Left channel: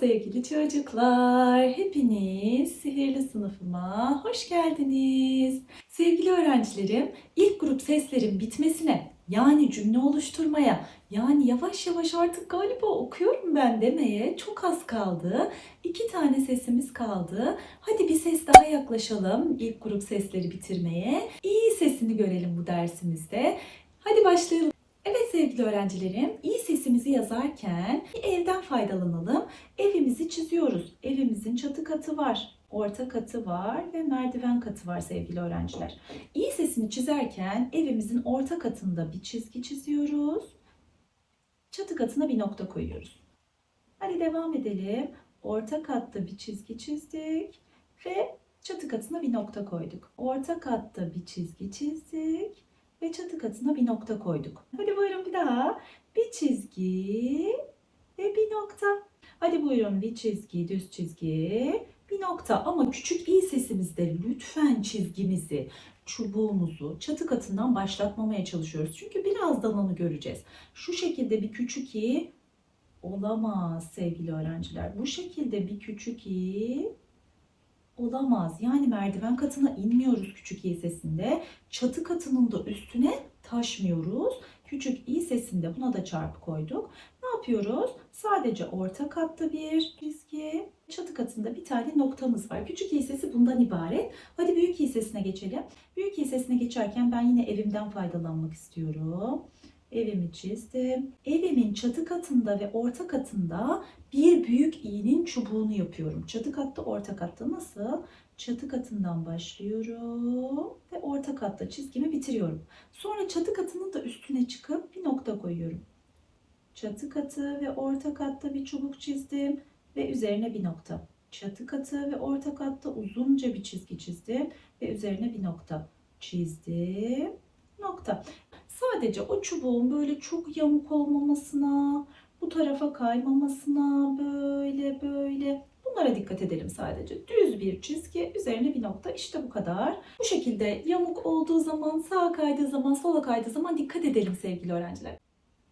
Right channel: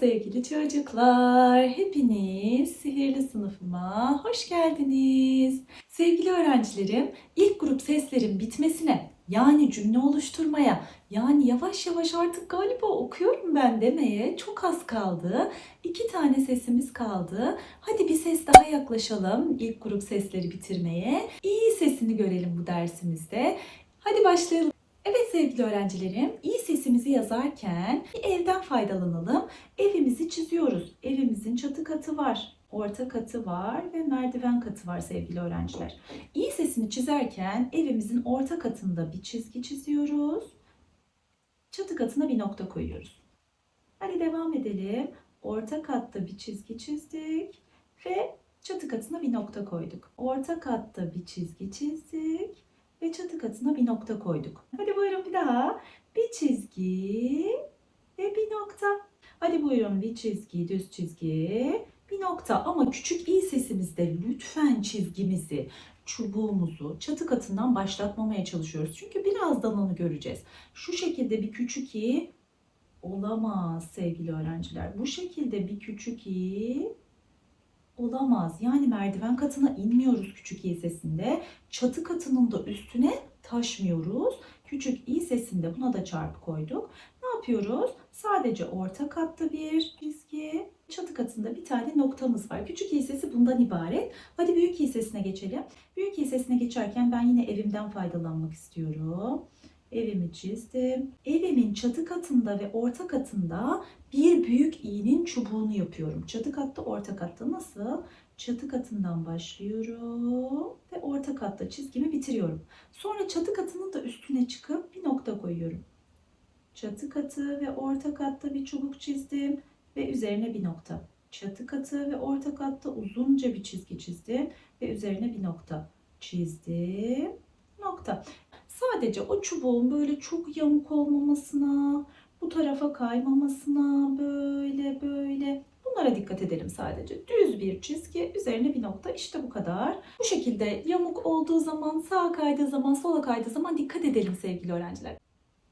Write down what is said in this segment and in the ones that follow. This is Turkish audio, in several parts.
sevgili çocuklar. Hepiniz sihirli sınıfıma hoş geldiniz. Sevgili öğrencilerim, ilk grup seslerin bitmesine, yani cümle oluşturmaya, yani yavaş yavaş artık galiba okuyorum ben demeye çok az kaldı. İki tane sesimiz kaldı. Hadi bir ses daha yaklaşalım ilk grup sesleri bitirmeye. İyi sesini görelim bu dersimizde. Hadi başlayalım. Sevgili öğrencilerim, iyi sesimizi yazarken bir evden faydalanalım. Evimizi çiziyoruz. Evimizin çatı katı var, orta katı var ve merdiven katı var sevgili öğrenciler. İyi sesini çizerken evimizin orta katında bir çizgi çiziyoruz. Çatı katına bir nokta koyuyoruz. Hadi devam edelim. Orta katta bir çizgi çizdik ve çatı katına bir nokta koyduk. Orta katta bir çizgi çizdik ve çatı katına bir nokta koyduk. Hadi buyurun bir daha. Bir çizgi ve bir nokta. Hadi buyurun bir çizgi, düz çizgi, bir nokta. Ama küçük i sesimizde lütfen çizgimizi, çubuğumuzu çatı katından başlatmamaya çalışıyoruz. Çünkü birazdan onu göreceğiz. Şu şekilde bir küçük i olamaz sevgili öğrenciler. Bu şekilde bir küçük i olamaz. Yani merdiven katına inmiyoruz küçük i sesinde. Çatı katının da üstüne taşmıyoruz. Küçük i sesinde buna da çarpı koyduk. Ne yapıyoruz? Sadece orta katta bir çizgi, çatı katında bir tane noktamız var. Küçük i sesi bundan ibaret. Hadi büyük i sesine geçelim. Büyük i sesine geçerken ben yine evimden faydalanmak istiyorum. Evimi çizdim. Evimin çatı katında ve orta katında bir büyük i'nin çubuğunu yapıyorum. Çatı katta, orta katta nasıl? Çatı katından başlıyorum ve orta katta çizgimi bitiriyorum. Sonra çatı katının da üstüne çıkıp bir nokta koyuyorum. Çatı katı ve orta katta bir çubuk çizdim ve üzerine bir nokta. Çatı katı ve orta katta uzunca bir çizgi çizdim ve üzerine bir nokta çizdim. Nokta. Sadece o çubuğun böyle çok yamuk olmamasına, bu tarafa kaymamasına, böyle böyle bunlara dikkat edelim sadece. Düz bir çizgi, üzerine bir nokta. İşte bu kadar. Bu şekilde yamuk olduğu zaman, sağa kaydığı zaman, sola kaydığı zaman dikkat edelim sevgili öğrenciler.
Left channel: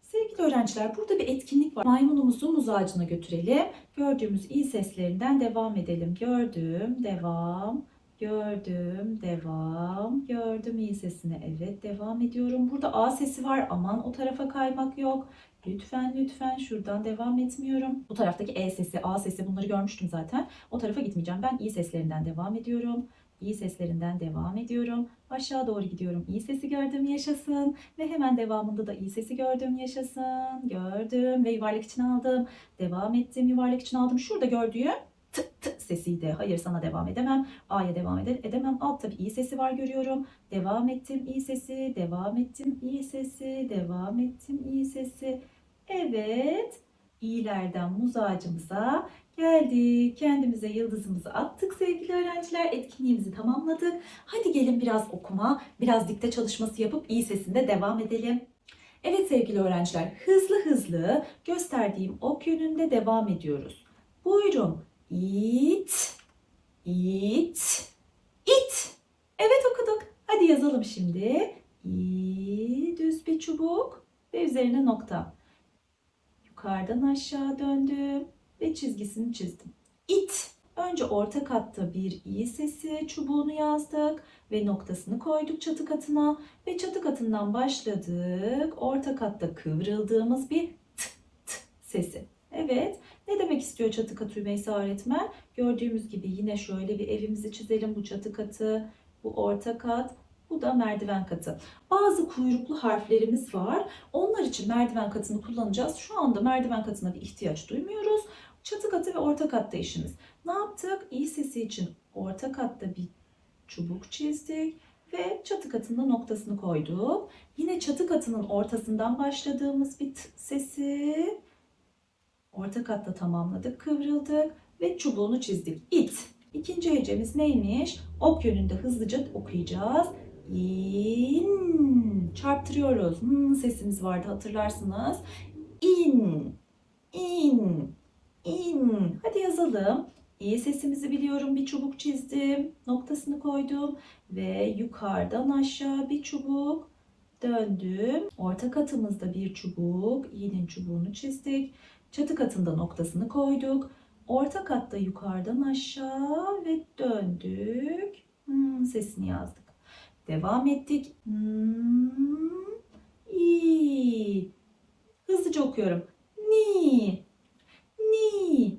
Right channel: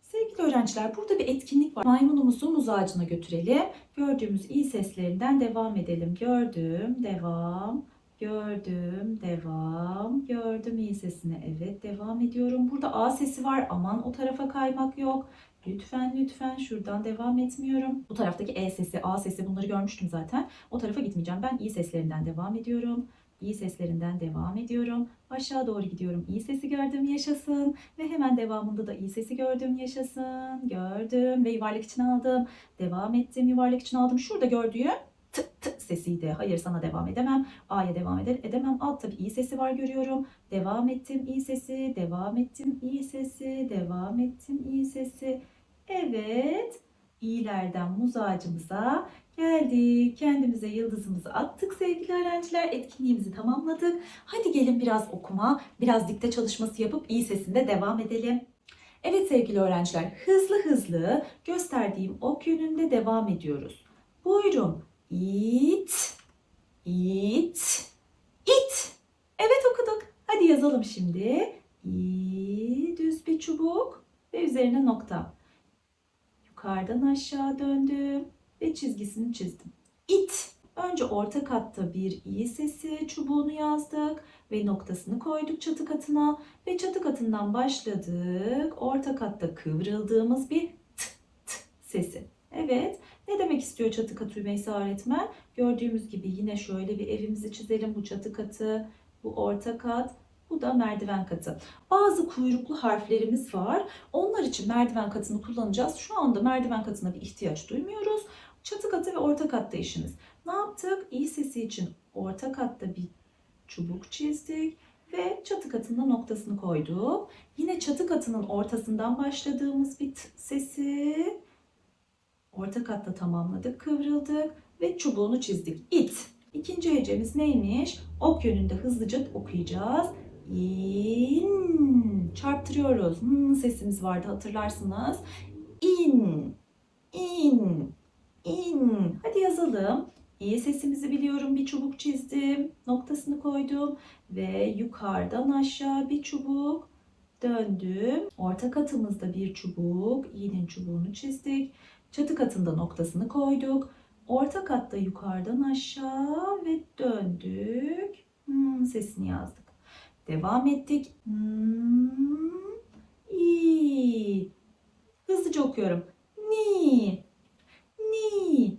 Sevgili öğrenciler burada bir etkinlik var. Maymunumuzu muz ağacına götürelim. Gördüğümüz iyi seslerinden devam edelim. Gördüm, devam. Gördüm, devam. Gördüm iyi sesine. Evet, devam ediyorum. Burada A sesi var. Aman o tarafa kaymak yok. Lütfen, lütfen şuradan devam etmiyorum. Bu taraftaki E sesi, A sesi bunları görmüştüm zaten. O tarafa gitmeyeceğim. Ben iyi seslerinden devam ediyorum. İyi seslerinden devam ediyorum. Aşağı doğru gidiyorum. İyi sesi gördüm yaşasın. Ve hemen devamında da iyi sesi gördüm yaşasın. Gördüm ve yuvarlak için aldım. Devam ettim yuvarlak için aldım. Şurada gördüğüm t t sesiydi. Hayır sana devam edemem. A'ya devam eder, edemem. Altta bir i sesi var görüyorum. Devam ettim i sesi, devam ettim i sesi, devam ettim i sesi. Evet. İyilerden muz ağacımıza geldik. Kendimize yıldızımızı attık sevgili öğrenciler. Etkinliğimizi tamamladık. Hadi gelin biraz okuma, biraz dikte çalışması yapıp iyi sesinde devam edelim. Evet sevgili öğrenciler, hızlı hızlı gösterdiğim ok yönünde devam ediyoruz. Buyurun. İt, it, it. Evet okuduk. Hadi yazalım şimdi. İ, düz bir çubuk ve üzerine nokta. Yukarıdan aşağı döndüm ve çizgisini çizdim. İt. Önce orta katta bir i sesi çubuğunu yazdık ve noktasını koyduk çatı katına ve çatı katından başladık. Orta katta kıvrıldığımız bir t, t sesi. Evet. Ne demek istiyor çatı katı Ümeysa öğretmen? Gördüğümüz gibi yine şöyle bir evimizi çizelim. Bu çatı katı, bu orta kat, bu da merdiven katı. Bazı kuyruklu harflerimiz var. Onlar için merdiven katını kullanacağız. Şu anda merdiven katına bir ihtiyaç duymuyoruz. Çatı katı ve orta katta işimiz. Ne yaptık? İ sesi için orta katta bir çubuk çizdik ve çatı katında noktasını koyduk. Yine çatı katının ortasından başladığımız bir sesi orta katta tamamladık, kıvrıldık ve çubuğunu çizdik. İt. İkinci öncemiz neymiş? Ok yönünde hızlıca okuyacağız. İn. Çarptırıyoruz. Hmm, sesimiz vardı hatırlarsınız. İn. İn. İn. Hadi yazalım. İyi sesimizi biliyorum. Bir çubuk çizdim. Noktasını koydum. Ve yukarıdan aşağı bir çubuk. Döndüm. Orta katımızda bir çubuk. İğnenin çubuğunu çizdik. Çatı katında noktasını koyduk. Orta katta yukarıdan aşağı ve döndük. Hmm, sesini yazdık. Devam ettik. Hmm, i. Hızlıca okuyorum. Ni. Ni.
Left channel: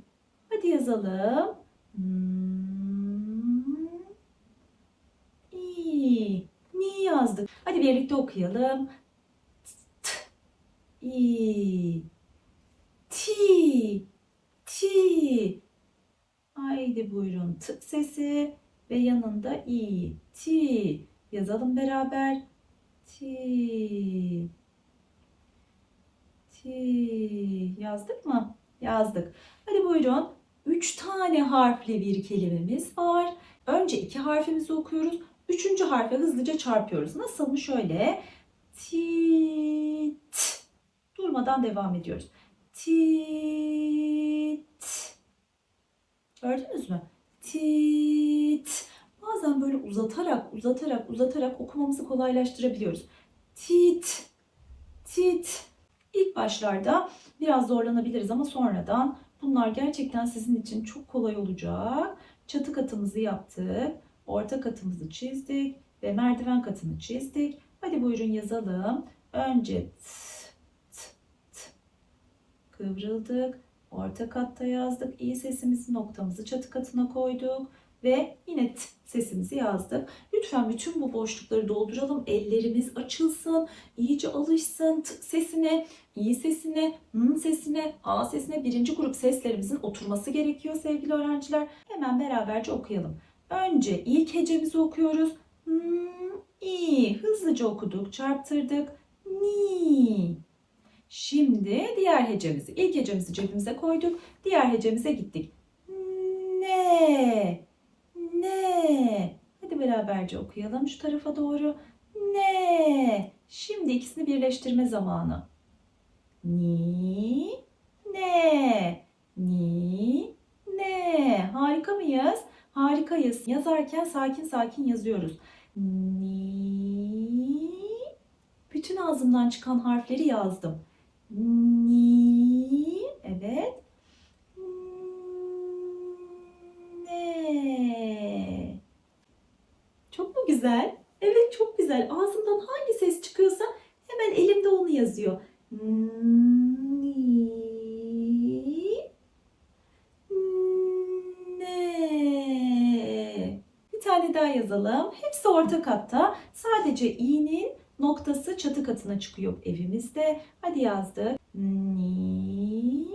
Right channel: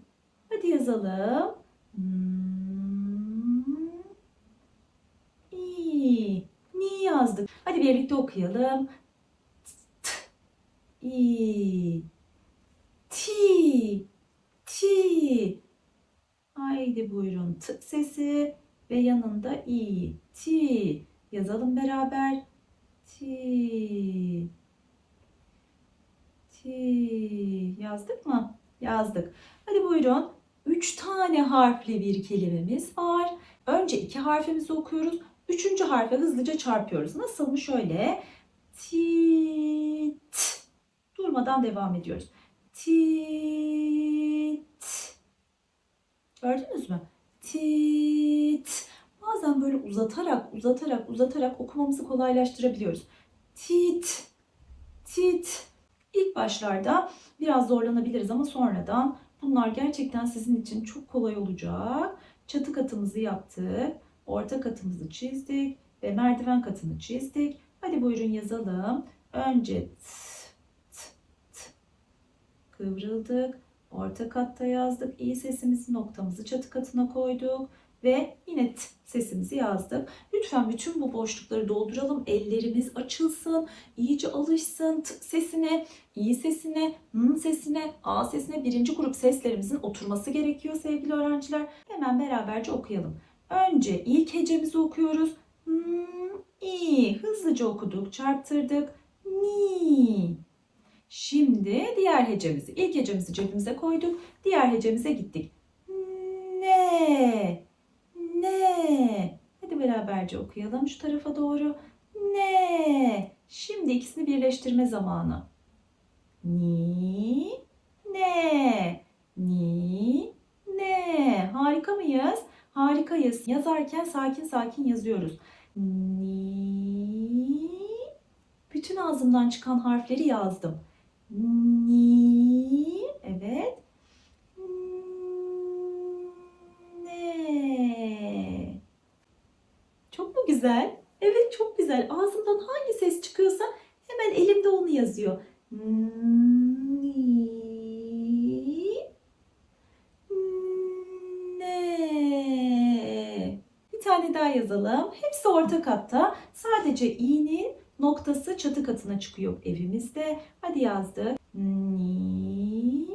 Hadi yazalım. Hmm, i. Ni yazdık. Hadi birlikte okuyalım. T, i. Ti. Ti. Haydi buyurun. T sesi ve yanında i. Ti. Yazalım beraber. Ti. Ti. Yazdık mı? Yazdık. Hadi buyurun. Üç tane harfli bir kelimemiz var. Önce iki harfimizi okuyoruz. Üçüncü harfe hızlıca çarpıyoruz. Nasıl mı? Şöyle. Tit. Durmadan devam ediyoruz. Tit. Gördünüz mü? Tit. Bazen böyle uzatarak, uzatarak, uzatarak okumamızı kolaylaştırabiliyoruz. Tit. Tit. İlk başlarda biraz zorlanabiliriz ama sonradan bunlar gerçekten sizin için çok kolay olacak. Çatı katımızı yaptık. Orta katımızı çizdik ve merdiven katını çizdik. Hadi buyurun yazalım. Önce. Kıvrıldık. Orta katta yazdık. İyi sesimizi noktamızı çatı katına koyduk. Ve yine t sesimizi yazdık. Lütfen bütün bu boşlukları dolduralım. Ellerimiz açılsın. iyice alışsın t sesine, iyi sesine, m sesine, a sesine. Birinci grup seslerimizin oturması gerekiyor sevgili öğrenciler. Hemen beraberce okuyalım. Önce ilk hecemizi okuyoruz. Hmm, i. Hızlıca okuduk, çarptırdık. Ni. Şimdi diğer hecemizi, ilk hecemizi cebimize koyduk. Diğer hecemize gittik. Ne. Ne. Hadi beraberce okuyalım şu tarafa doğru. Ne. Şimdi ikisini birleştirme zamanı. Ni. Ne. Ni. Ne. Harika mıyız? Harikayız. Yazarken sakin sakin yazıyoruz. Ni. Bütün ağzımdan çıkan harfleri yazdım. Ni. Evet. Ne. Çok mu güzel? Evet çok güzel. Ağzımdan hangi ses çıkıyorsa hemen elimde onu yazıyor. Ni. Ne. Bir tane daha yazalım. Hepsi orta katta. Sadece i'nin noktası çatı katına çıkıyor evimizde. Hadi yazdık. Ni.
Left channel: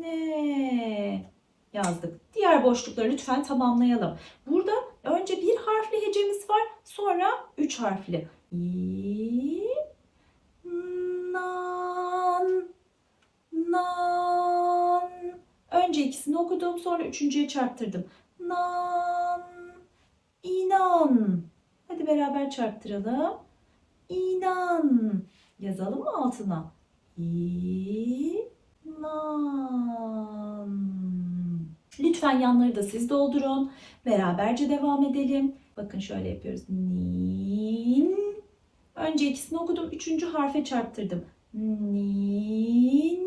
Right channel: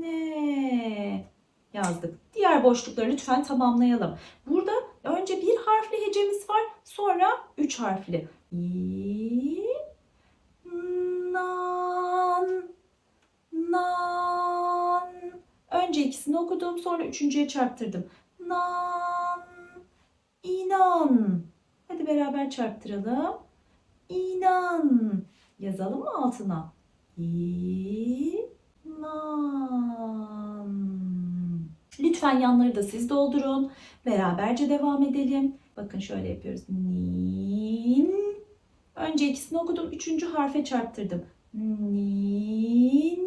Ne. Yazdık. Diğer boşlukları lütfen tamamlayalım. Burada önce bir harfli hecemiz var. Sonra üç harfli. İ. Nan. Nan. Önce ikisini okudum. Sonra üçüncüye çarptırdım. Nan. İnan. Hadi beraber çarptıralım. İnan. Yazalım mı altına? İnan. Lütfen yanları da siz doldurun. Beraberce devam edelim. Bakın şöyle yapıyoruz. Nin. Önce ikisini okudum. Üçüncü harfe çarptırdım. Nin.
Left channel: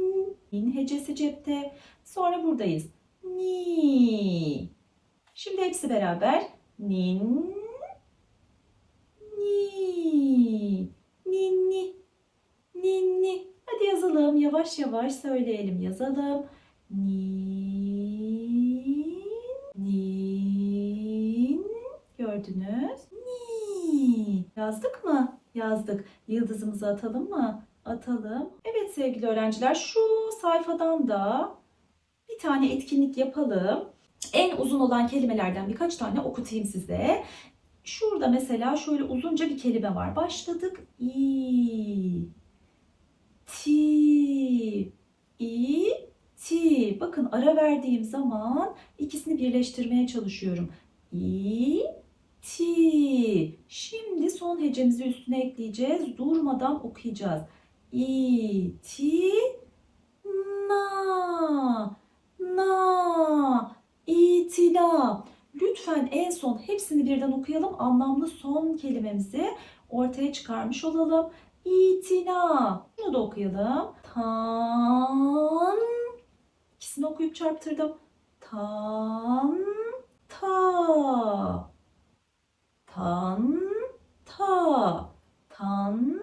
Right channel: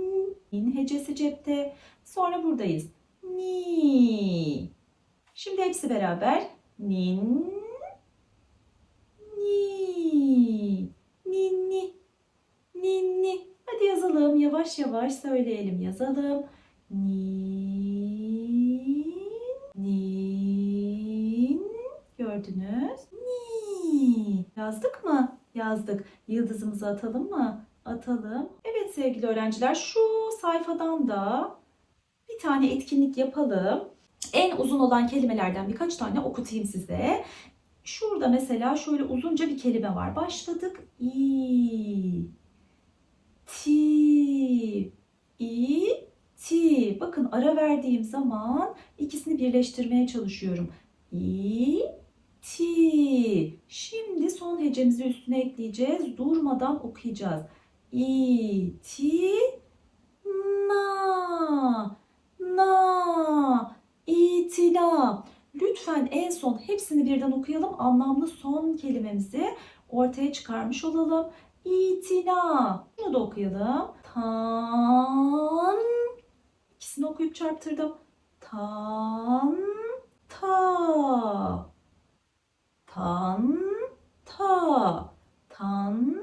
Nin hecesi cepte. Sonra buradayız. Ni. Şimdi hepsi beraber. Nin. Ni. Ninni. Ninni. Hadi yazalım. Yavaş yavaş söyleyelim. Yazalım. Nin. Nin. Gördünüz? Ni. Yazdık mı? Yazdık. Yıldızımızı atalım mı? Atalım. Evet sevgili öğrenciler şu sayfadan da bir tane etkinlik yapalım. En uzun olan kelimelerden birkaç tane okutayım size. Şurada mesela şöyle uzunca bir kelime var. Başladık. İ. Ti. İ. Ti. Bakın ara verdiğim zaman ikisini birleştirmeye çalışıyorum. İ. Ti. Şimdi son hecemizi üstüne ekleyeceğiz. Durmadan okuyacağız. İ. Ti. Na. Na. İtila. Lütfen en son hepsini birden okuyalım. Anlamlı son kelimemizi ortaya çıkarmış olalım. İtina. Bunu da okuyalım. Tan. İkisini okuyup çarptırdım. Tan ta. Tan ta. Tan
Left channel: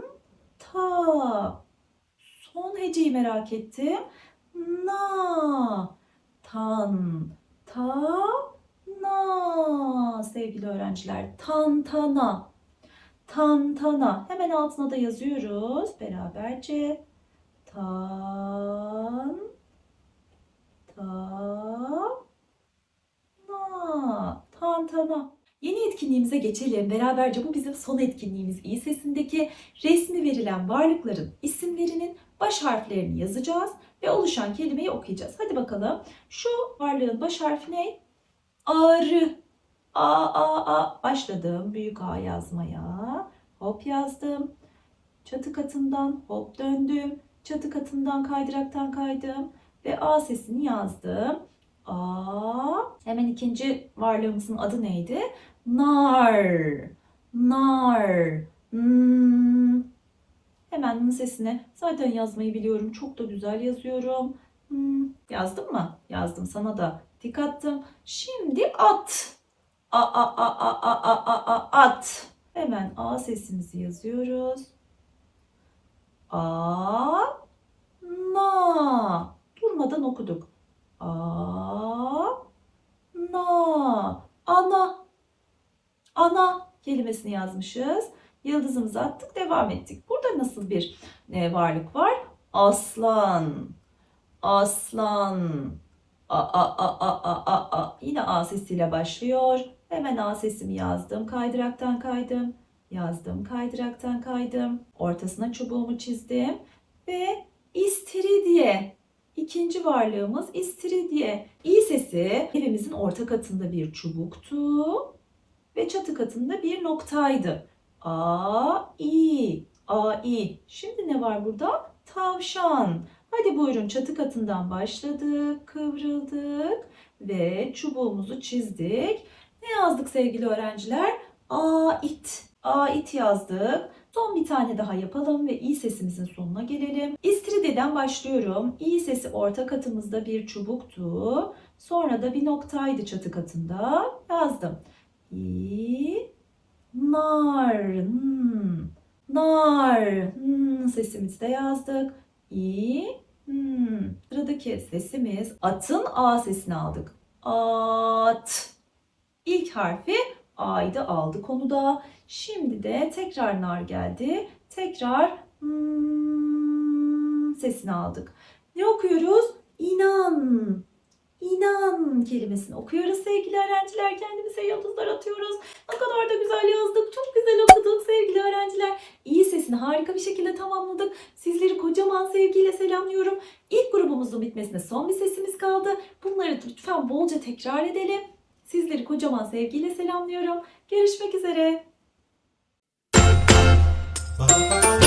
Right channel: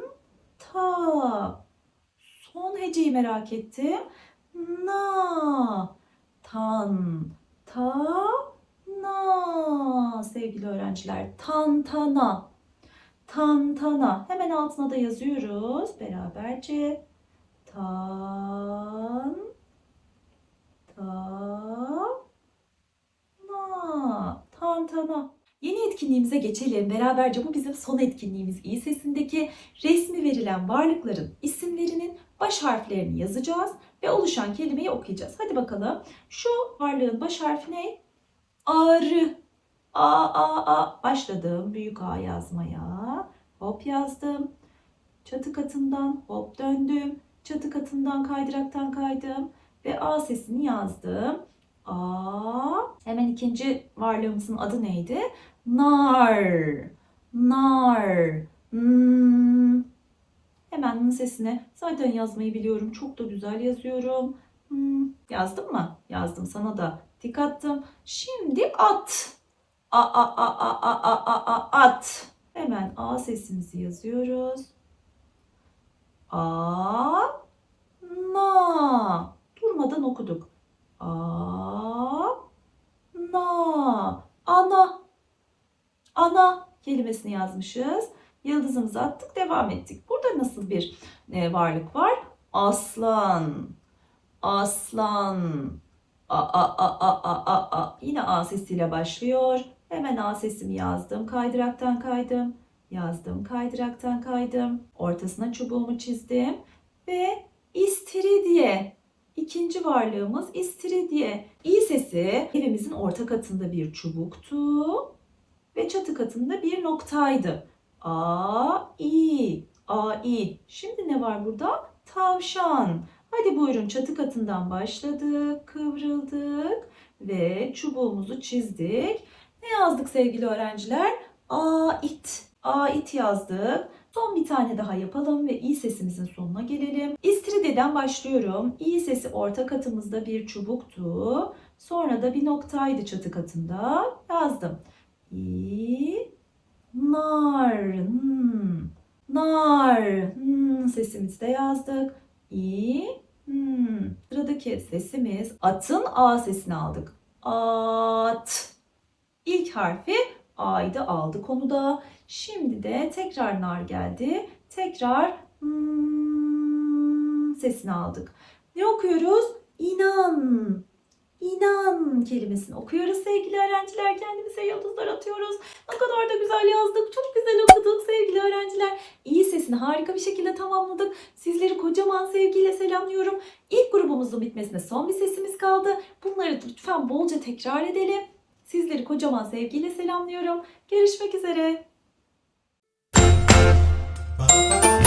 ta. Son heceyi merak ettim. Na. Tan ta na sevgili öğrenciler. Tantana. Tantana. Hemen altına da yazıyoruz beraberce. Tan ta na. Tantana. Yeni etkinliğimize geçelim. Beraberce bu bizim son etkinliğimiz. İyi sesindeki resmi verilen varlıkların isimlerinin baş harflerini yazacağız ve oluşan kelimeyi okuyacağız. Hadi bakalım. Şu varlığın baş harfi ne? Arı. A, A, A. Başladım büyük A yazmaya. Hop yazdım. Çatı katından hop döndüm. Çatı katından kaydıraktan kaydım. Ve A sesini yazdım. A. Hemen ikinci varlığımızın adı neydi? Nar. Nar. Hmm. Hemen bunun sesini zaten yazmayı biliyorum. Çok da güzel yazıyorum. Hmm. Yazdım mı? Yazdım sana da. Attım. Şimdi at. A a a a a a a a at. Hemen A sesimizi yazıyoruz. A na. Durmadan okuduk. A na. Ana. Ana kelimesini yazmışız. Yıldızımızı attık, devam ettik. Burada nasıl bir e, varlık var? Aslan. Aslan. A, a, a, a, a, a, a. Yine A sesiyle başlıyor. Hemen A sesimi yazdım. Kaydıraktan kaydım. Yazdım. Kaydıraktan kaydım. Ortasına çubuğumu çizdim. Ve istiridye. İkinci varlığımız istiridye. İ sesi evimizin orta katında bir çubuktu. Ve çatı katında bir noktaydı. A, I, A, I. Şimdi ne var burada? Tavşan. Hadi buyurun çatı katından başladık, kıvrıldık ve çubuğumuzu çizdik. Ne yazdık sevgili öğrenciler? Ait. Ait yazdık. Son bir tane daha yapalım ve i sesimizin sonuna gelelim. İstiridye'den başlıyorum. İ sesi orta katımızda bir çubuktu. Sonra da bir noktaydı çatı katında. Yazdım. İ, nar, hmm. nar, hmm. sesimizi de yazdık. İ, hmm. Sıradaki sesimiz atın A sesini aldık. At. İlk harfi A'ydı aldık onu da. Şimdi de tekrar nar geldi. Tekrar hmm, sesini aldık. Ne okuyoruz? İnan. İnan kelimesini okuyoruz sevgili öğrenciler. Kendimize yıldızlar atıyoruz. Ne kadar da güzel yazdık. Çok güzel okuduk sevgili öğrenciler. İyi sesini harika bir şekilde tamamladık. Sizleri kocaman sevgiyle selamlıyorum. İlk grubumuzun bitmesine son bir sesimiz kaldı. Bunları lütfen bolca tekrar edelim. Sizleri kocaman sevgiyle selamlıyorum. Görüşmek üzere. Ba